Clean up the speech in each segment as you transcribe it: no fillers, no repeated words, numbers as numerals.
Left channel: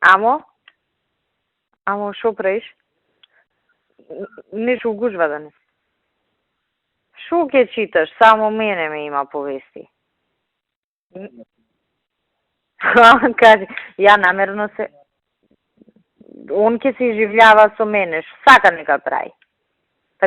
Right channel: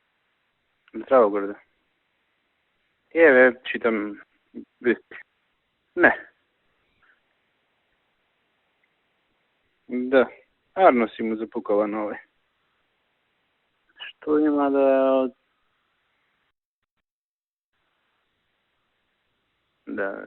Амо? Здраво, Горда. Амо, шо правиш? Читам... Нешто гужва да не? Не. Шо ке читаш? Само мене ме има повести. Да. Арно си му запукала на овој. Кажи, ја намерно се... Он ке се изживljava со мене, сака нека прави. Да.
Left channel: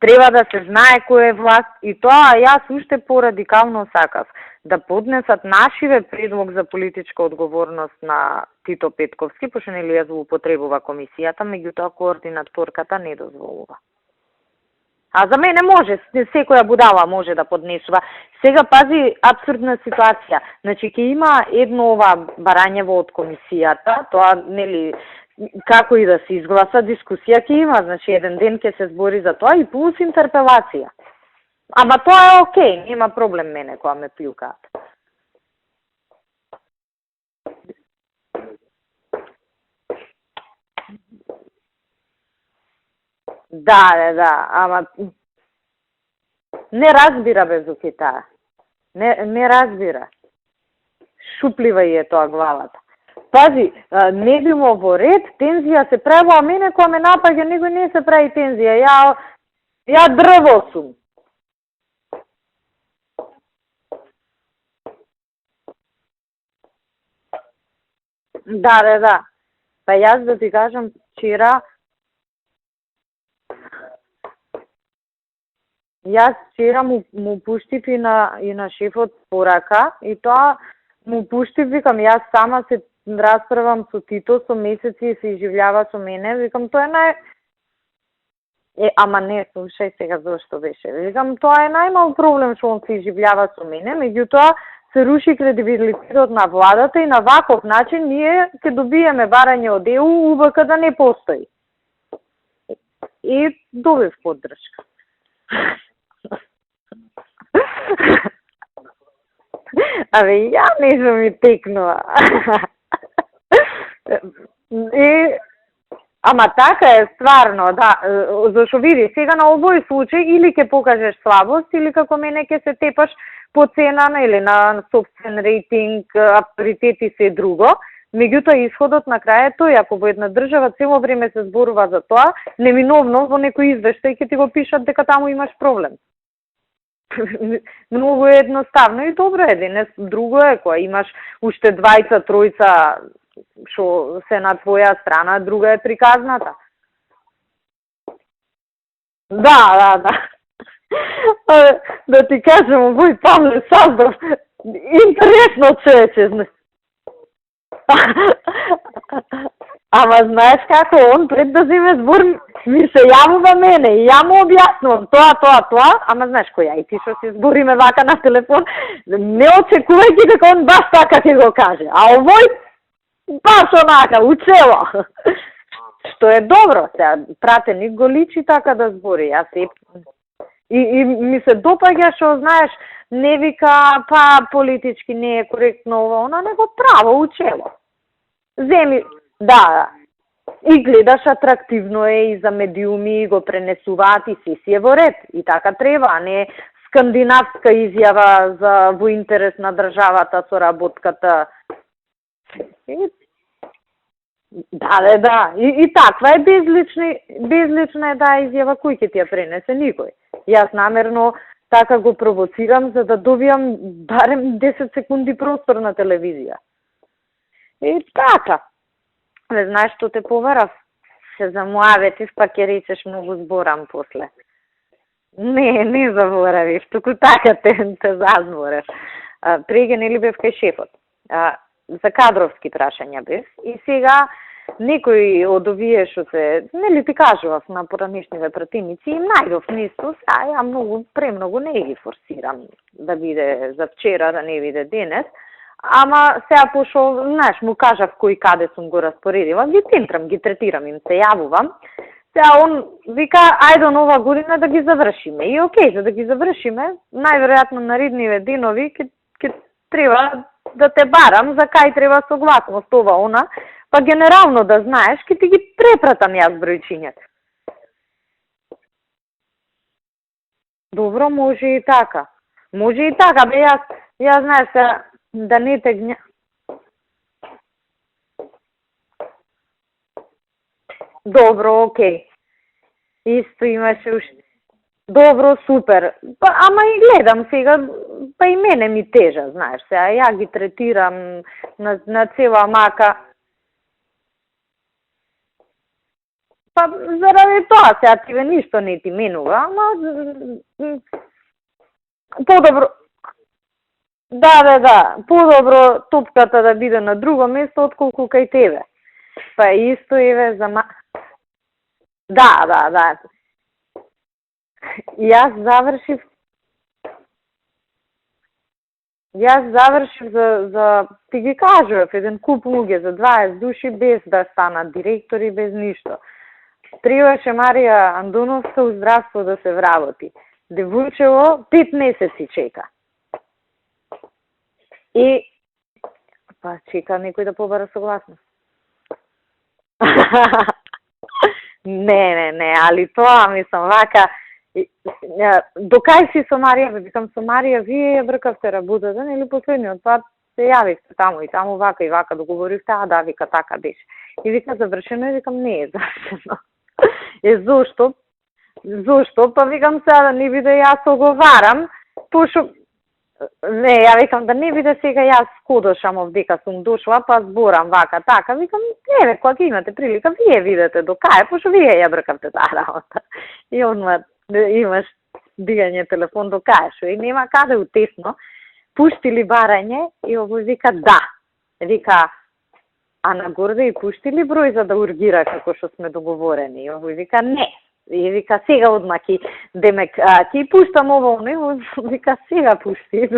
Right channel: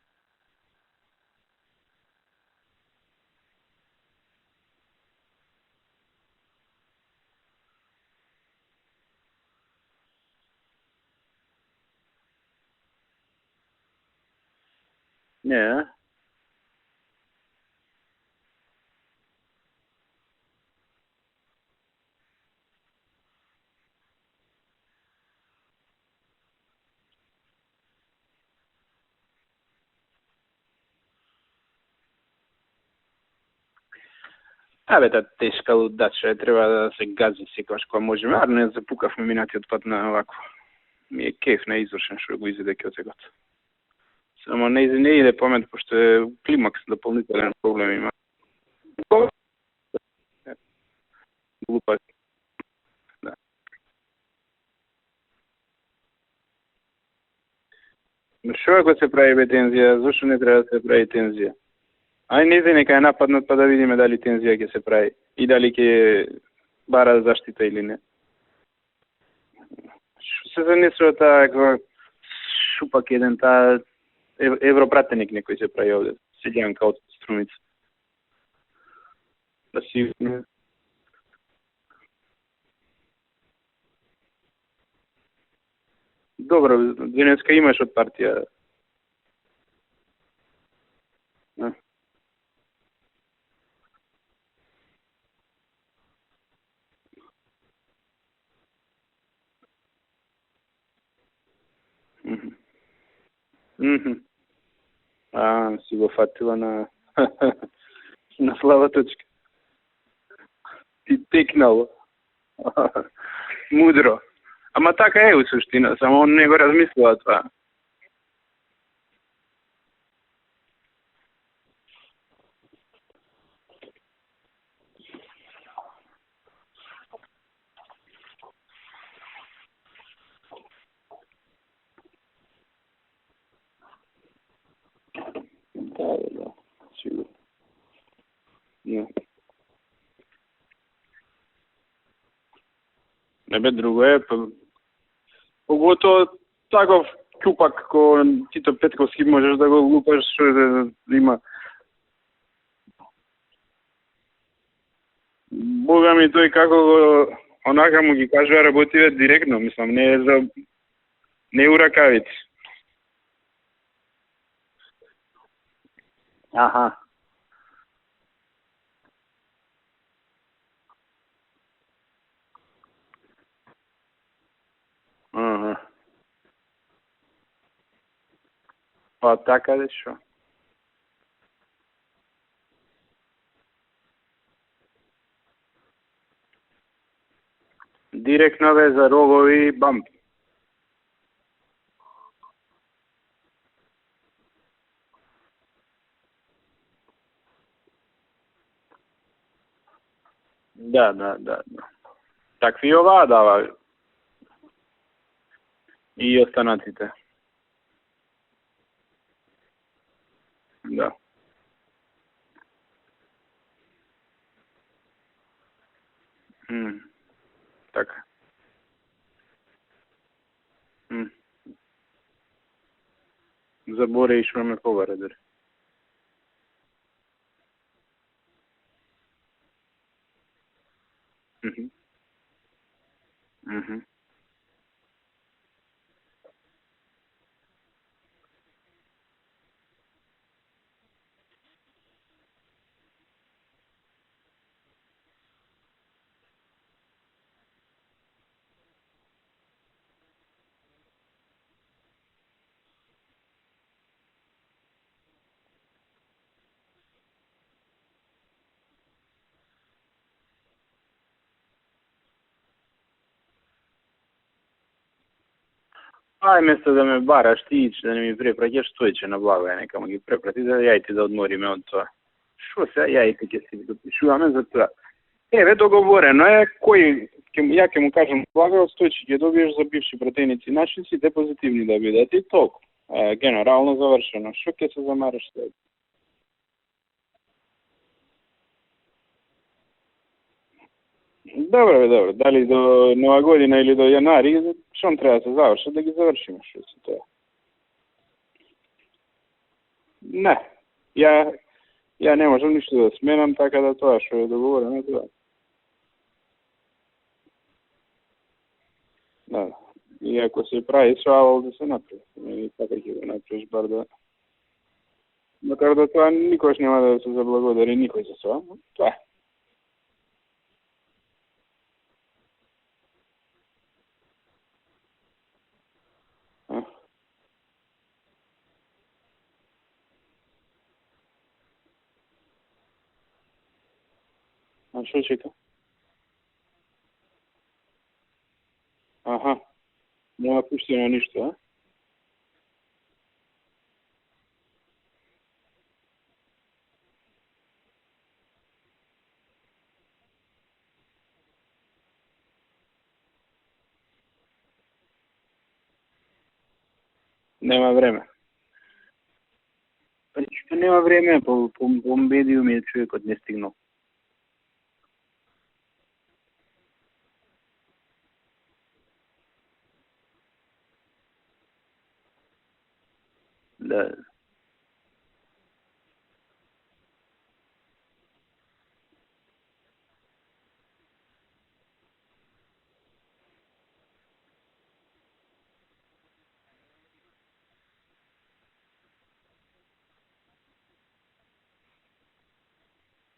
Треба да се знае кој е власт и тоа јас уште порадикално сакав. Да поднесат нашиве предлог за политичка одговорност на Тито Петковски, пошто нели ја злоупотребува комисијата, меѓутоа координаторката не дозволува. А за мене може, секоја будала може да поднесува. Сега пази абсурдна ситуација. Значи ќе има едно ова барањево од комисијата, тоа нели како и да се изгласа дискусија ќе има, значи еден ден ќе се збори за тоа и плюс интерпелација. Ама тоа е окей, нема проблем мене кога ме плюкаат. Та тешка лудача, треба да се гази секогаш кога можеме, а не запукавме минатиот пат на овако. Ми е кеф на извршен што го изведе ке од сегот. Да. Ама не иде памет, пошто е климакс. Не разбира без да. Не разбира. Шуплива е тоа главата. Пази, не било во ред, тензија се правила, а мене кога ме напаѓа, него не се прави тензија. Што да се прави бе тензија? Ја дрво се прави тензија. Ај не иде нека ја нападнат па да видиме дали тензија ќе се прави и дали ќе бара заштита или не. Да. Па јас да ти кажам, вчера... Шупак еден таа европратеник некој се прави овде. Јас вчера му пуштив и на шефот порака и тоа му пуштив, викам, јас сама се расправам со Тито, со месеци и се изживljava со мене. Викам, добро, денеска имаш од партија. Ама не, слушај сега зашто беше. Викам, тоа е најмал проблем што он се изживljava со мене, меѓутоа се руши кредибилитетот на владата и на ваков начин ние ќе добиеме барање од ЕУ, УВК да не постои. И добив поддршка. Си го фатила на слава точка. Ја не сум ми текнува. Мудро. Ама така е у суштина, само он не го така размислува. Ама така е, стварно, да. Зашо види, сега на овој случај или ќе покажеш слабост, или како мене ќе се тепаш по цена или на собствен рейтинг, авторитет и се друго. Меѓутоа, исходот на крај е тој, ако во една држава цело време се зборува за тоа, неминовно во некој извештај ќе ти го пишат дека таму имаш проблем. Многу е едноставно и добро е денес. Друго е кога имаш уште двајца, тројца што се на твоја страна, друга е приказната. Таков чупак кој Тито Петковски може да ти кажам, овој Павле Саздов, интересно се. Ами тој како го онака ми кажува работиве директно, мислам. Ама знаеш како, он пред да биде збор ми се јавува мене и ја му објаснувам тоа, ама знаеш кој, ти што си збориме вака на телефон, не очекувајќи дека он баш така ќе го каже, а овој баш онака, учело. Што е добро, сега пратеник го личи така да збори. Па така да шо. И ми се допаѓа што знаеш, не вика, па политички не е коректно ова, она него право учело. Директно веза, рогови и бам. И гледаш атрактивно е и за медиуми го пренесуваат и си е во ред. И така треба, а не скандинавска изјава за во интерес на државата со работката. Да. Такви оваа дава. Да. И таква е безлична е таа изјава, кој ќе ти ја пренесе? Никој. Јас намерно така го провоцирам за да добијам барем 10 секунди простор на телевизија. И така. Не знаеш што те поварав? Се замуаветив, па ќе речеш многу зборам. Заборавиш ме повара дори. Не заборавиш, туку така те зазборев. Преге нели бев кај шефот. За кадровски прашања бев. И сега некој од овие што се, нели ти кажував на поранешниве пратеници, им најдов нешто, ја премногу не ги форсирам да биде за вчера, да не биде денес. Ама сега пошо, знаеш, му кажав кој каде сум го распоредила, ги центрам, ги третирам, им се јавувам. Сега он вика, ајде нова година да ги завршиме. И окей, за да ги завршиме, најверојатно наредниве денови ќе треба да те барам за кај треба согласност ова, она, па генерално да знаеш, ќе ти ги препратам јас бројчиња. Вместо да ме бараш ти, да не ми препраќаш, стоече на блага, нека ме ги препрати, за да ја добро, може и така. Може и така, бе, јас знаеш, да не договорено е кој Ја ќе му кажам плага од 100 ќе добиеш за бивши пратеници наши си те Добро, да окей. видат и толку. Исто Генерално имаш завршено. Што ќе се Добро, супер. Па, ама и гледам сега, па и мене ми тежа, знаеш, сега ја ги третирам Добро, на цела мака. До Нова година или до јанари, што треба да се заврши, да ги завршиме. Па, заради тоа, сега тебе ништо не ти менува, ама... Не, ја не Подобро. можам да сменам, така да тоа што... Да. Подобро топката да биде на друго место, отколку кај тебе. Па исто и ве за... Ако се прави соавал да се направи. Да. Направиш бар да... Јас Да завршив... тоа никош нема да се заблагодари никој за тоа. Тоа е. Јас завршив за ти ги кажував, еден куп луѓе за 20 души без да станат директори, без ништо. Требаше Марија Андоновска у здравство да се вработи. Девојчево 5 месеци чека. И па чека некој да побара согласност. Аха. Не пуштено ништо. Не, али тоа мислам вака до кај си со Марија, викам со Марија вие ја бркавте работата, нели последниот пат се јавивте таму и таму вака и вака договоривте, да, вика така беше. И вика завршено и викам не е завршено. Зошто? Зошто? Па викам сега да не биде јас оговарам. Не, ја викам да не биде сега јас скодошам овдека сум дошла, па зборам вака, така. Викам, не, кога ќе имате прилика, вие видете до кај, пошто вие ја бркавте таа работа. И он имаш дигање телефон до кај, шо и нема каде утесно. Пуштили барање и овој вика да. Вика, а нагорде и пуштили број за да ургира како што сме договорени. И овој вика не. И вика сега одма ки демек ќе пуштам ово не, вика сега пушти.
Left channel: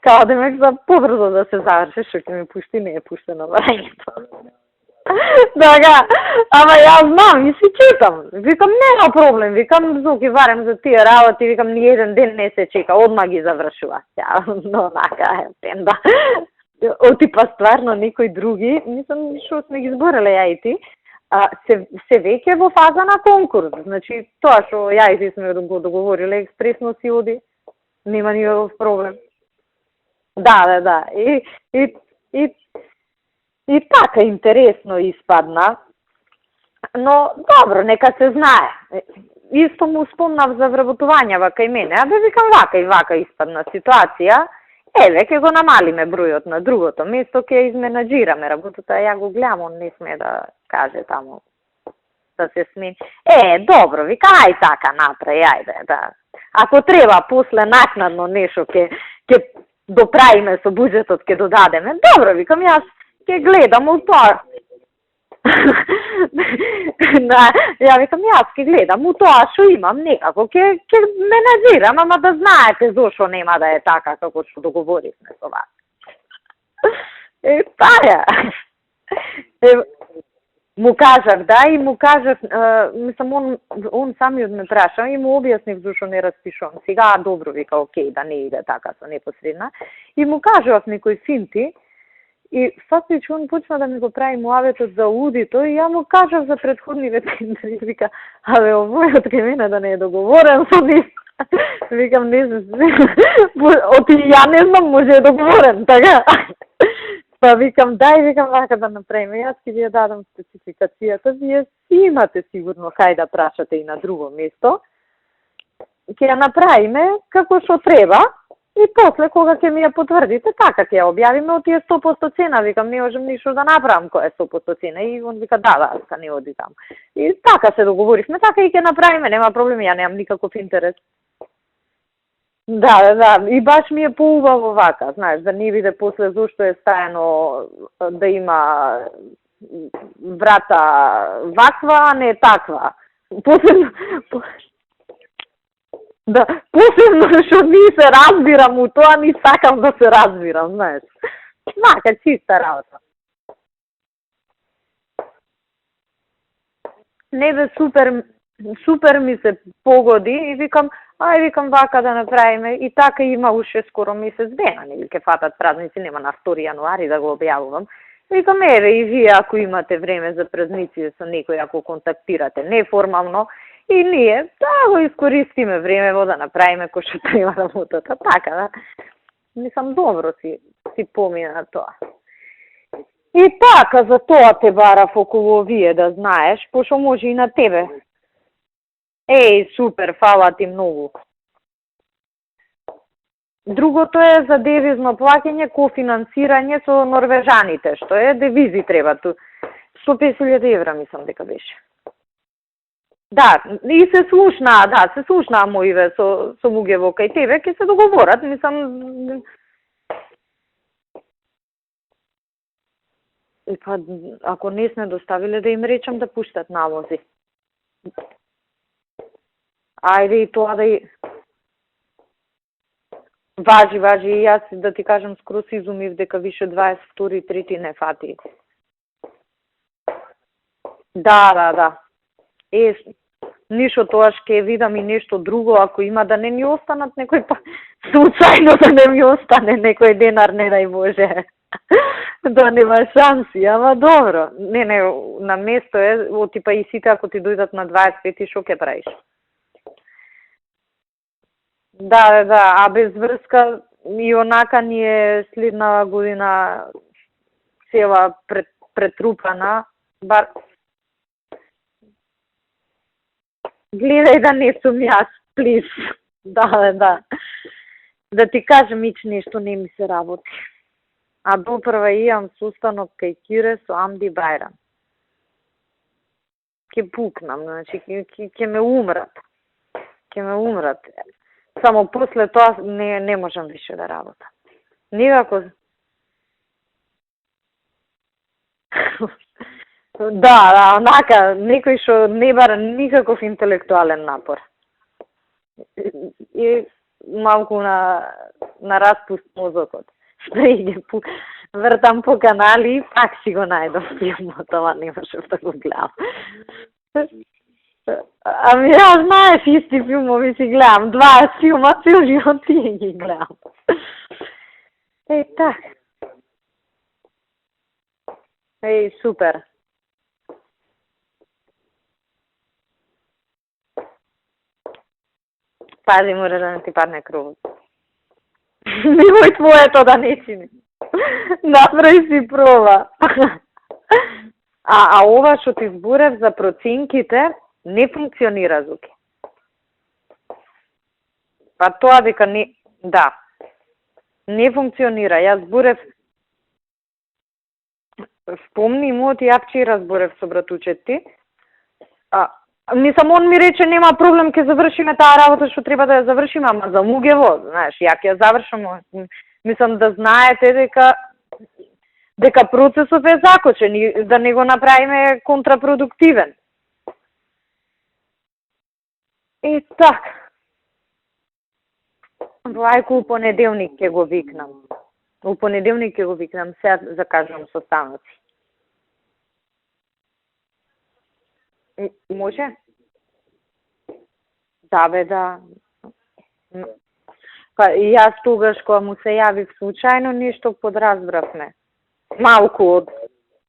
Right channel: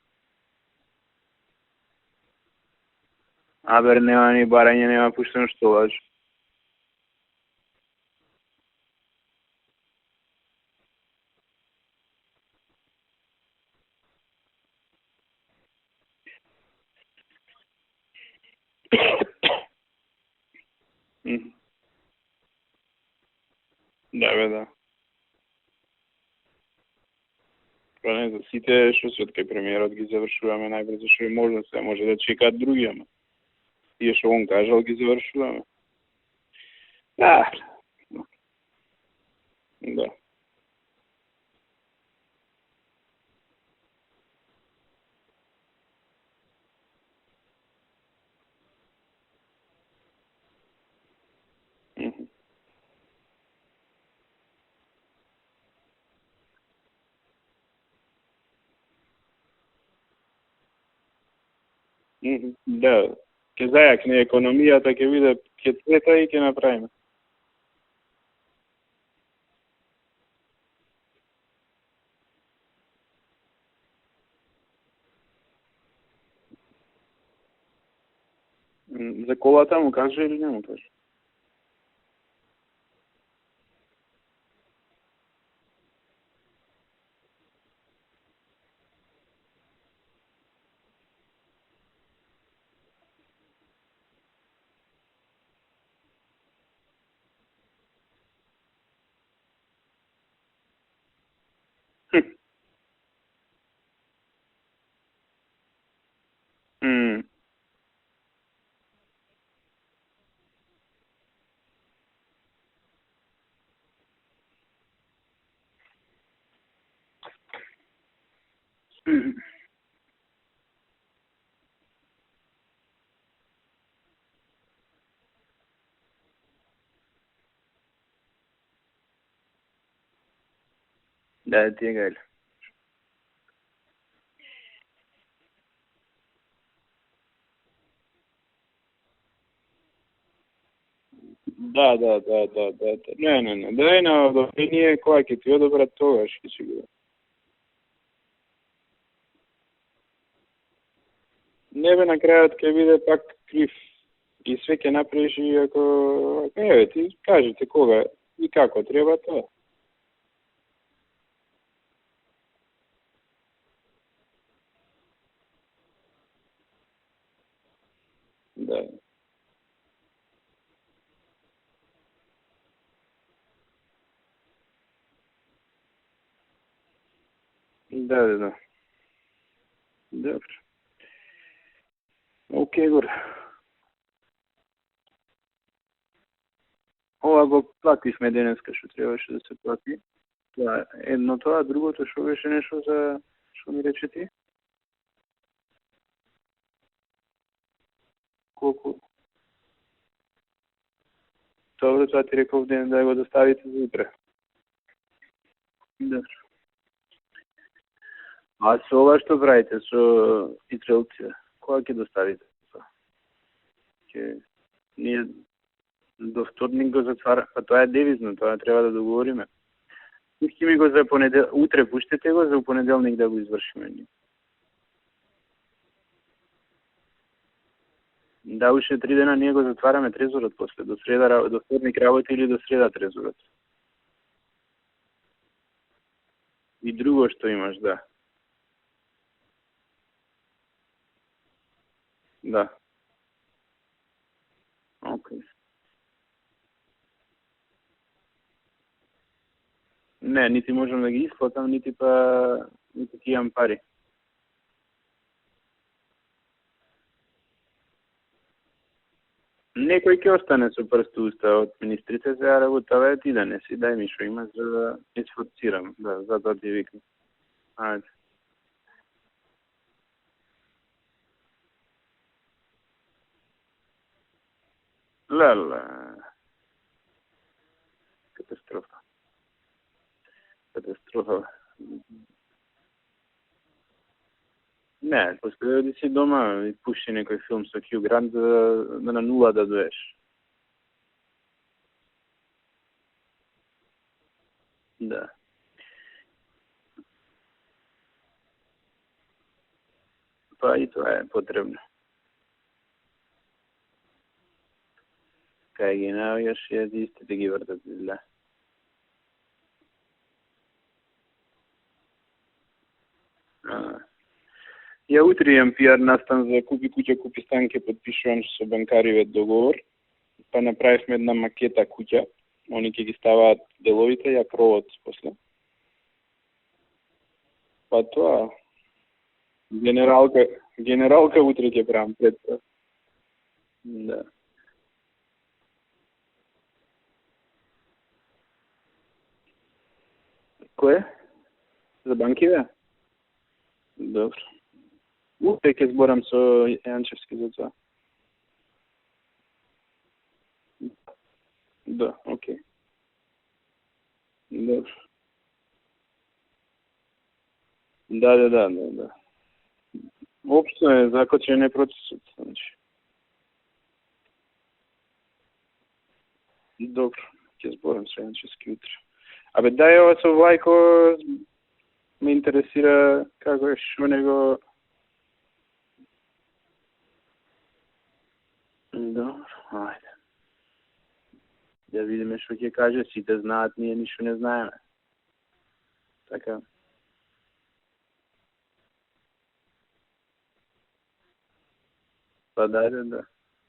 Као демек за побрзо да се заврши, што ќе ми пушти, не е пуштено барање. Абер нема ни барање, нема пушти. Така, ама јас знам и си чекам. Викам нема проблем, викам зоки барем за тие работи, викам ни еден ден не се чека, одма ги завршува. Но нака е тенда. Отипа стварно никој други, мислам што сме ги збореле ја и ти. Се веќе во фаза на конкурс. Значи, тоа што ја и ти сме го договориле, експресно си оди. Нема никаков проблем. Што кај премиерот ги завршува. Да. Може да чекаат други, ама. И така интересно испадна. Но добро, нека се знае. Исто му спомнав за вработување кај мене, а бе викам вака и вака испадна ситуација. Еве, ќе го намалиме бројот на другото место, ќе изменаџираме работата, ја го гледам, он не сме да каже таму да се смени. Добро, вика, ај така направи, ајде, да. Ако треба после накнадно нешто ќе доправиме со буџетот, ќе додадеме. Добро, викам, јас ќе гледам у тоа. Економијата ќе биде пета и ќе направиме. Да, ја викам, јас ќе гледам у тоа што имам, некако ќе менаџирам, ама да знаете зошто нема да е така како што договоривме со вас. Таа За колата му кажа или не му кажа? Му кажав, да, и му кажав, мислам, он самиот ме праша и му објаснив зашо не распишувам. Сега, добро, вика, окей, да не иде така со непосредна. И му кажав некои финти, и фактично он почна да ми го прави муаветот за аудито, и ја му кажав за предходниве тендери, вика, абе, овојот кај мене да не е договорен со нив. Викам, не знам, оти ја не знам, може е договорен, така? Па викам, дај, викам, вака да направиме. Јас ќе ви ја дадам спецификацијата, вие си имате сигурно кај да прашате и на друго место. Ќе ја направиме како што треба и после кога ќе ми ја потврдите, така ќе ја објавиме од тие 100% цена. Викам, не можам ништо да направам која е 100% цена. И он вика, да, не оди таму. И така се договоривме, така и ќе направиме, нема проблем, ја немам никаков интерес. Да, ти е гајле. Да, и баш ми е поубаво вака, знаеш, да не биде после зошто е стајано да има врата ваква, а не таква. Не, ние која ќе ти одобрат тогаш. Да, посебно што ми се разбирам у тоа, ни сакам да се разбирам, знаеш. Мака чиста работа. Биде пак крив. И све ќе направиш и ако... ти кажи. Не бе, супер ми се погоди и викам, викам вака да направиме. И така има уште скоро месец дена, нели ќе фатат празници, нема на 2 јануари да го објавувам. Викам, и вие ако имате време за празници со некој, ако контактирате неформално, и ние да го искористиме времево да направиме кој што треба работата. Така, да. Мислам, добро си помина тоа. Окей, горе. И така, за тоа те барав околу овие, да знаеш, пошто може и на тебе. Плативме денеска што требаше. Еј, супер, фала ти многу. Едно тоа, другото што беше нешто за... Другото е за девизно плаќање, кофинансирање со норвежаните, што е девизи треба ту. 150.000 евра мислам дека беше. Добро, тоа ти реков ден да го достави. Да, и се слушнаа моиве со луѓе во кај тебе, ќе се договорат, мислам. А со ова што правите со итрелците? Кога ќе доставите? Па, ако не сме доставиле да им речам да пуштат навози. Па тоа е девизно, тоа треба да договориме. Ајде и тоа да... Утре пуштете го, за понеделник да го извршите. Важи, и јас да ти кажам, скроз изумив дека више 22 трети не фати. Да, уште 3 дена ние го затвараме трезорот после, до среда да. Работи или до среда трезорот. Ништо тоа ќе видам и нешто друго, ако има да не ми останат друго што имаш, да. Случајно да не ми остане некој денар, не дај Боже. Да нема шанси, ама добро. Не, на место е, типа и сите ако ти дојдат на 25 шо ќе правиш? Не, нити можам да ги исплатам, нити па... Да, а без врска и онака ни е следна година цела претрупана. Некој ќе остане со прст уста од министрите, сега работава ти да не си. Гледај да не сум јас, плиз. Да. Да ти кажем, ич нешто не ми се работи. А допрва имам сустанок кај Кире со Амди Бајрам. Леле. Ке пукнам, значи, ке ме умрат. Само после тоа не можам више да работам. Никако. Не, си дома и пушти некој филм со Хју Грант на нула да доеш. Да, онака, некој што не бара никаков интелектуален напор. Да. И малку на распуст мозокот. Вртам по канали и пак си го најдов филмот, ама не можев да го гледам. Исти ги вртат. Ами ја знаеш, исти филмови си гледам, 20 филма, цел живот ти ги гледам. Ја утре имам пиар настан за Купи куќа, купи стан, ке подпишувам со банкариве договор. Па направивме една макета куќа, они ќе ги ставаат деловите, ја кровот после. Пази, мора да не ти падне кровот. Па тоа. Немој твоето да не чини. Генералка утре. Направи си проба. А ова што ти зборев за проценките не функционира, Зуки. Кое? Па тоа дека не... Да. Добро. Не функционира. Јас зборев... Зборам со Јанчевски за тоа. Спомни му, ти ја вчера зборев со братучет ти. Да. Мислам, он ми рече нема проблем, ќе завршиме таа работа што треба да ја завршиме, ама за Мугево, знаеш, ја ќе завршам. Мислам да знаете дека закочен е процесот. Дека процесот е закочен и да не го направиме контрапродуктивен. Добро, ќе зборам со Јанчевски утре. Абе дај ова со Влајко ме интересира. Влајко у понеделник ќе го викнам. У понеделник ќе го викнам, сега закажувам состаноци. Добро, ајде. Да видиме што ќе каже, сите знаат, ние ништо не знаеме. Да, бе, да. Така. Па и јас тогаш кога му се јавив случајно нешто подразбравме. Малку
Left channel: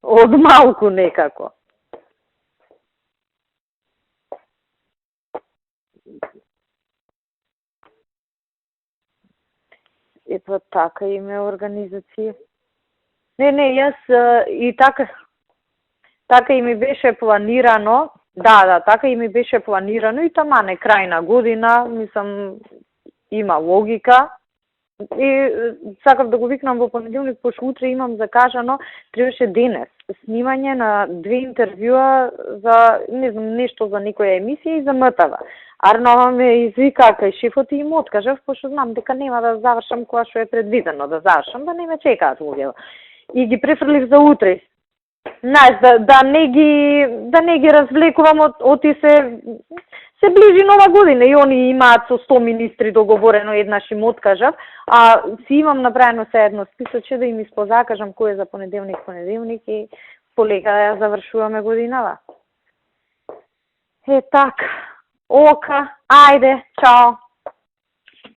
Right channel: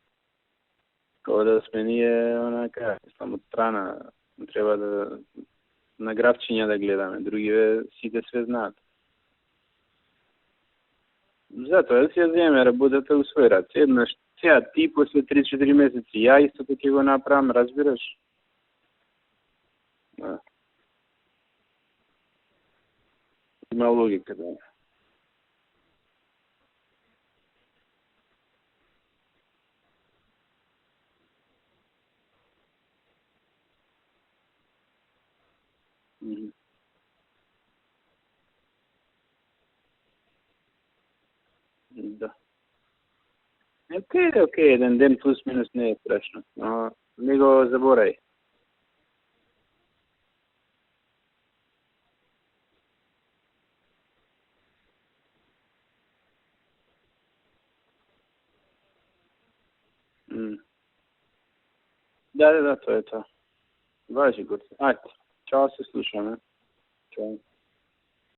од малку некако. Ода сме ние онака, само од страна, треба да на графчиња да гледаме, другиве сите све знаат. Епа така и ме организира. Затоа си ја земе работата у свој рад. Не, јас и така со 3-4 месеци. Така и ми беше планирано. Да, така и ми беше планирано и тамане крај на година, мислам има логика. И сакав да го викнам во понеделник, пошто утре имам закажано, требаше денес снимање на 2 интервјуа за не знам нешто за некоја емисија и за МТВ. Арнова ме извика кај шефот и им откажав, пошто знам дека нема да завршам кога што е предвидено да завршам, да не ме чекаат луѓе. И ги префрлив за утре. Еден ден плюс. Знаеш, да не ги развлекувам од се ближи нова година и они имаат со 100 министри договорено, еднаш им откажав, а си имам направено се едно списоче да им испозакажам кој е за понеделник и полека да ја завршуваме годинава. Да, тоа е тоа. Е така. Ока, ајде, чао.